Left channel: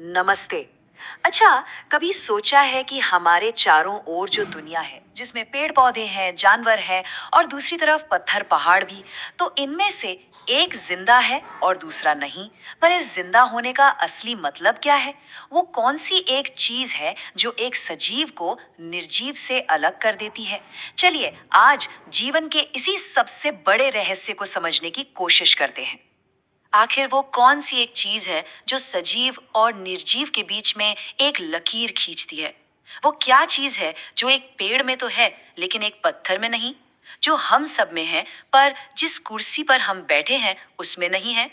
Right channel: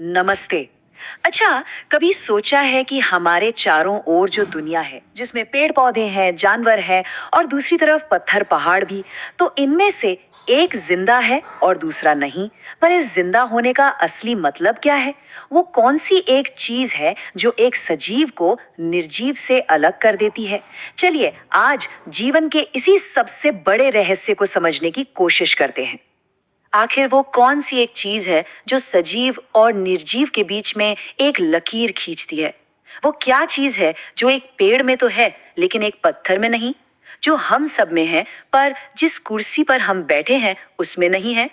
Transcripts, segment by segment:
नमस्ते। अच्छा, कभी सोचा है कि हमारे चारों ओर जो दुनिया है, जिसमें पेड़ पौधे हैं, जानवर हैं और दूसरी तरफ पत्थर पहाड़ भी, तो इनमें से एक जिंदा है और दूसरा नहीं। पर इस जिंदा होने का असली मतलब क्या है? वो कौन सी एक चीज है जो एक सजीव को निर्जीव से अलग कर देती है? चलिए आज जीवन के इसी सबसे बड़े रहस्य को समझने की कोशिश करते हैं। आखिर वो कौन सी एक चीज है जो सजीव और निर्जीव के बीच में एक लकीर खींचती है? वो क्या चीज है जो एक पेड़ में तो है लेकिन एक पत्थर में नहीं, जो हम सब में है पर जिस कुर्सी पर हम बैठे हैं उसमें नहीं है?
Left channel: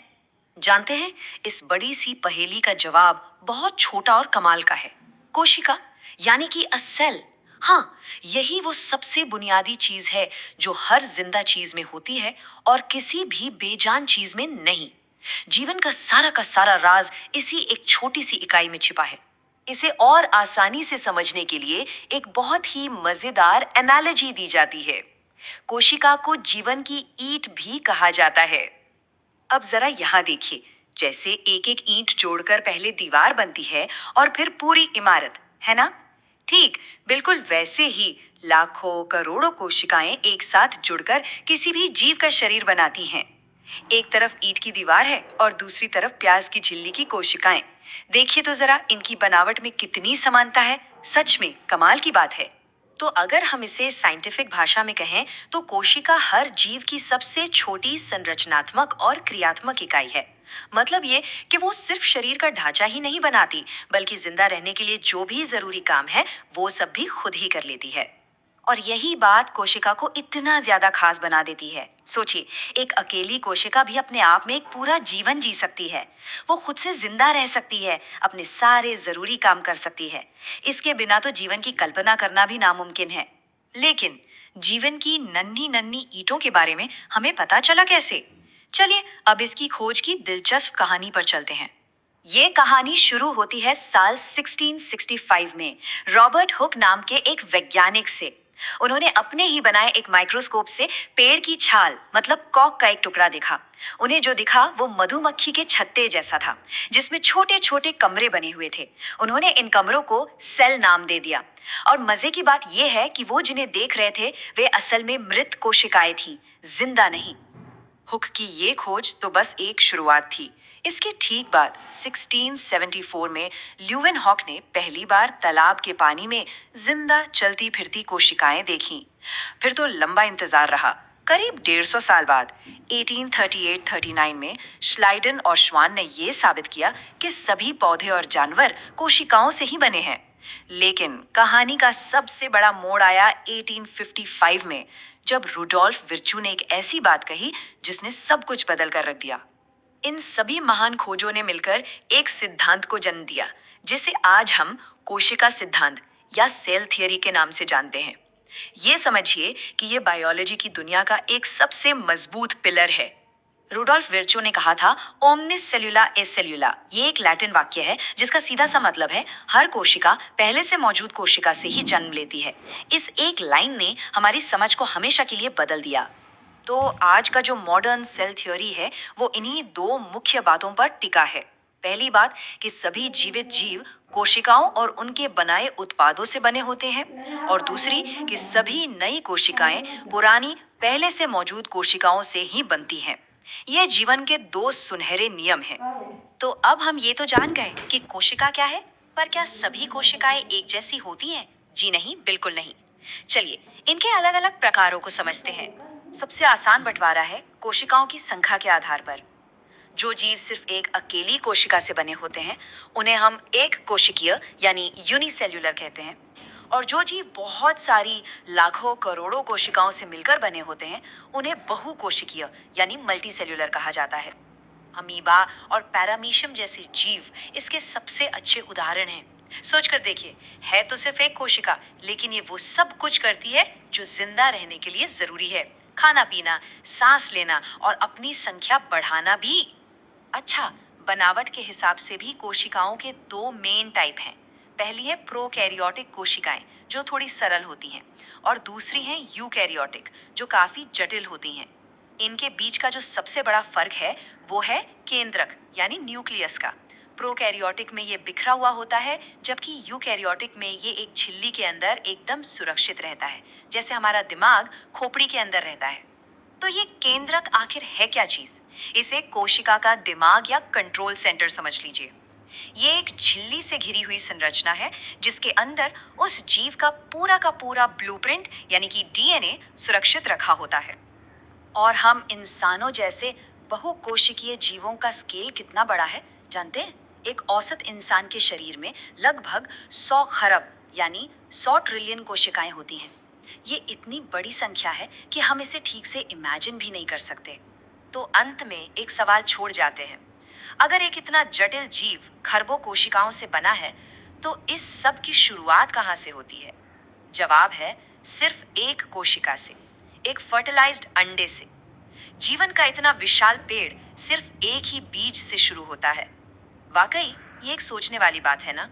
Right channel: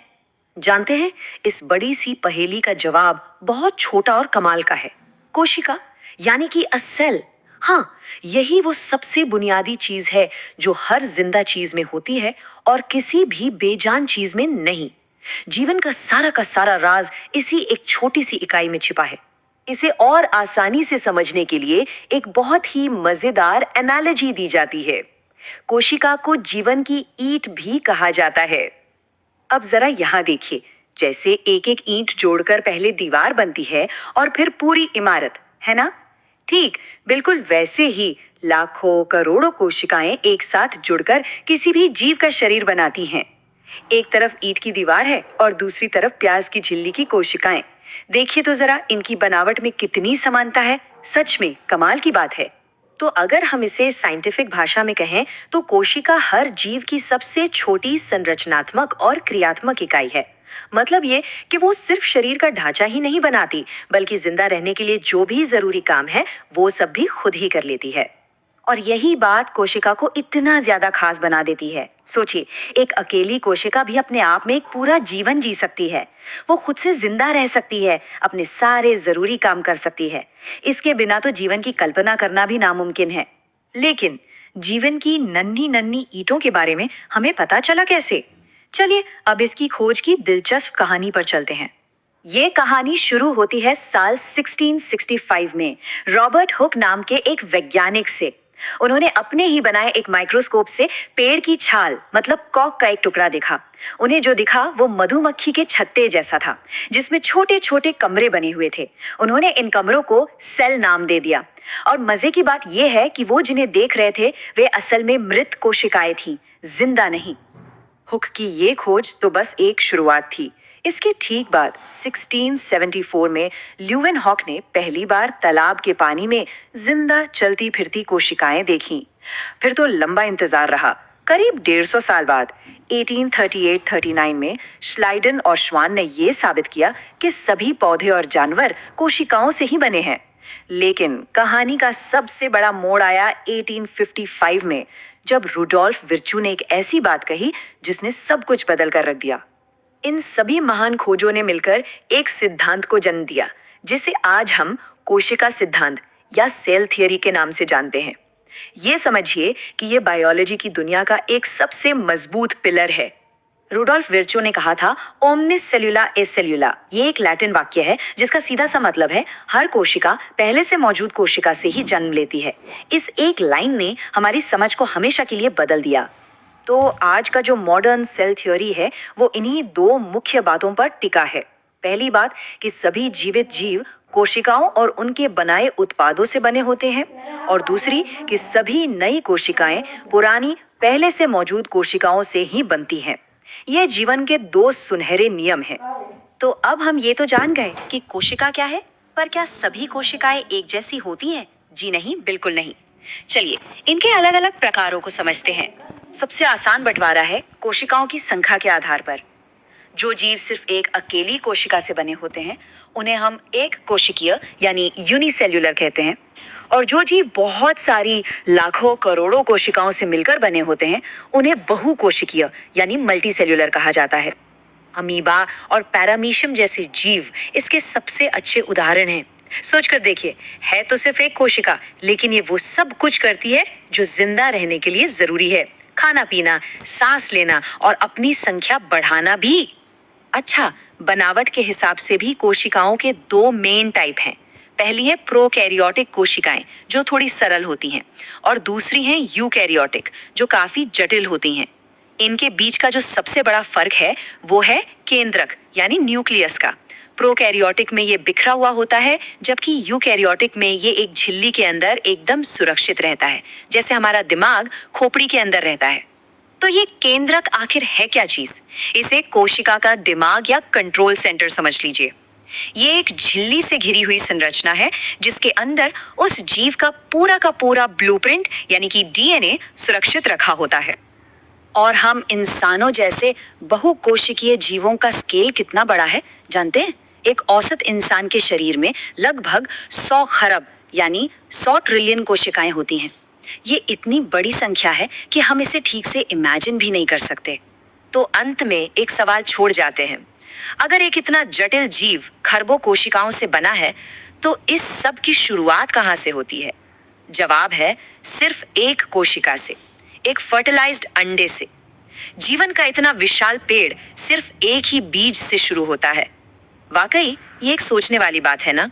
जानते हैं, इस बड़ी सी पहेली का जवाब बहुत छोटा और कमाल का है। कोशिका, यानी कि अ सेल। हाँ, यही वो सबसे बुनियादी चीज है जो हर जिंदा चीज में होती है और किसी भी बेजान चीज में नहीं। जीवन का सारा राज इसी एक छोटी सी इकाई में छिपा है। इसे और आसानी से समझने के लिए एक बहुत ही मजेदार एनालॉजी दी जाती है। कोशिका को जीवन की ईंट भी कहा जाता है। अब जरा यहाँ देखिए, जैसे एक एक ईंट जोड़कर पहले दीवार बनती है और फिर पूरी इमारत, है ना? ठीक, बिल्कुल वैसे ही लाखों करोड़ों कोशिकाएं एक साथ जुड़कर किसी भी जीव का शरीर बनाती हैं। एक तरफ ईंट की दीवार है और दूसरी तरफ प्याज की झिल्ली की कोशिकाएं। देखिए तो जरा इनकी बनावट में कितनी समानता है। सच में कमाल की बात है। तो अगर हम इसे साइंटिफिक भाषा में कहें तो कोशिका हर जीव की सबसे छोटी संरचनात्मक और क्रियात्मक इकाई है। मतलब ये कि वो सिर्फ शरीर का ढांचा ही नहीं बनाती, बल्कि जिंदा रहने के लिए जो भी जरूरी काम है वो सब भी खुद ही कर लेती है। और यही बात कोशिका को इतना ज्यादा खास बना देती है। सोचिए, एक अकेली कोशिका भी अपने आप में एक पूरा जीवन जी सकती है। वो खुद से जिंदा रह सकती है, अपने सारे जरूरी काम कर सकती है। इसके बिना तो जीवन की कल्पना करना भी नामुमकिन है। लेकिन जीवन की नन्ही नन्ही ईंटों के बारे में हमें पता चला कैसे? चलिए अब इसकी खोज की दिलचस्प कहानी पर चलते हैं। ये कहानी शुरू होती है साल 1665 में रॉबर्ट हुक नाम के एक वैज्ञानिक से। उन्होंने अपने ही बनाए एक माइक्रोस्कोप से पेड़ की छाल मतलब कॉक का एक टुकड़ा देखा। उन्हें जो दिखा वो मधुमक्खी के छत्ते जैसा था, जिसमें छोटे छोटे कमरे बने हुए थे। उन्होंने इन कमरों को सेल नाम दे दिया। और मजे की बात यह है कि वो जिन्हें देख रहे थे वे असल में मृत कोशिकाएं थीं, जिंदा नहीं। हुक की ये खोज तो बस एक शुरुआत थी। इसके ठीक बाद 1674 में ल्यूवेन हॉक ने पहली बार तालाब के पानी में जिंदा चलती फिरती कोशिकाएं देखीं। फिर तो लंबा इंतजार रहा। करीब 150 साल बाद 1838-39 में श्लाइडन और श्वान ने यह साबित किया कि सभी पौधे और जानवर कोशिकाओं से ही बने हैं। लेकिन कहानी का सबसे बड़ा मोड़ आया 1855 में, जब रुडोल्फ विर्चू ने एक ऐसी बात कही जिसने सब कुछ बदल कर रख दिया। इन सभी महान खोजों ने मिलकर एक सिद्धांत को जन्म दिया, जिसे आज हम कोशिका सिद्धांत या सेल थियरी के नाम से जानते हैं। ये समझिए कि ये बायोलॉजी की दुनिया का एक सबसे मजबूत पिलर है। रुडोल्फ विर्चो ने कहा था, ओमनिस सेल्युला ए सेल्युला। ये एक लैटिन वाक्य है जिसका सीधा सा मतलब है हर कोशिका पहले से मौजूद कोशिका से ही जन्म लेती है। इस एक लाइन ने हमारी समझ को हमेशा के लिए बदल दिया। तो आज का जो मॉडर्न सेल थ्योरी है वो इन्हीं दो मुख्य बातों पर टिका है। पहली बात कि सभी जीवित जीव कोशिकाओं और उनके बनाए उत्पादों से बने होते हैं, और दूसरी कि सभी नई कोशिकाएं पुरानी पहले से मौजूद कोशिकाओं से ही बनती हैं। ये जीवन के दो सुनहरे नियम हैं। तो अब हम ये तो जान गए कि कोशिका क्या है, पर क्या सभी कोशिकाएं एक जैसी होती हैं? जी नहीं, बिल्कुल नहीं। चलिए इनके अलग अलग प्रकारों को समझते हैं। सबसे आसान बंटवारा है कोशिकाओं की संख्या के आधार पर। जो जीव सिर्फ एक अकेली कोशिका से बने होते हैं उन्हें हम एक कोशिकीय यानी यूनिसेल्युलर कहते हैं। और जो जीव बहुत सारी लाखों करोड़ों कोशिकाओं से मिलकर बने होते हैं उन्हें बहुकोशिकीय यानी मल्टीसेल्युलर कहा जाता है। अमीबा और पैरामीशियम जैसे जीव इसके सबसे अच्छे उदाहरण हैं। सोच कर देखिए, है तो सिर्फ एक कोशिका, लेकिन ये वो सब कुछ करती है जो जिंदा रहने के लिए जरूरी है। खाना पीना, सांस लेना और अपनी संख्या बढ़ाना भी। अच्छा, बनावट के हिसाब से भी कोशिकाओं के दो मेन टाइप हैं। पहली है प्रोकैरियोटिक कोशिकाएं जो थोड़ी सरल होती हैं, और दूसरी हैं यूकैरियोटिक जो काफी जटिल होती हैं। इनके बीच का जो सबसे बड़ा फर्क है वो है केंद्रक यानी न्यूक्लियस का। प्रोकैरियोटिक में ये बिखरा हुआ होता है, जबकि यूकैरियोटिक में ये एक झिल्ली के अंदर एकदम सुरक्षित रहता है, जैसे हमारा दिमाग खोपड़ी के अंदर रहता है। तो ये केंद्रक आखिर है क्या चीज? इसे कोशिका का दिमाग या कंट्रोल सेंटर समझ लीजिए। ये एक झिल्ली से घिरी हुई संरचना है, जिसके अंदर उस जीव का पूरा ब्लूप्रिंट यानी कि डीएनए सुरक्षित रखा होता है। और हम इंसानों जैसे बहुकोशिकीय जीवों का स्केल कितना बड़ा है जानते हैं? एक औसत इंसान के शरीर में लगभग 100 खरब यानी 100 ट्रिलियन कोशिकाएं होती हैं। ये इतनी बड़ी संख्या है कि हम इसे ठीक से इमेजिन भी नहीं कर सकते। तो अंत में एक सवाल छोड़ जाते हैं, अगर एक इतना जटिल जीव खरबों कोशिकाओं से बना है, तो इस सब की शुरुआत कहाँ से होती है? जवाब है सिर्फ एक कोशिका से, एक फर्टिलाइज्ड अंडे से। जीवन का इतना विशाल पेड़ सिर्फ एक ही बीज से शुरू होता है। वाकई ये एक सोचने वाली बात है ना?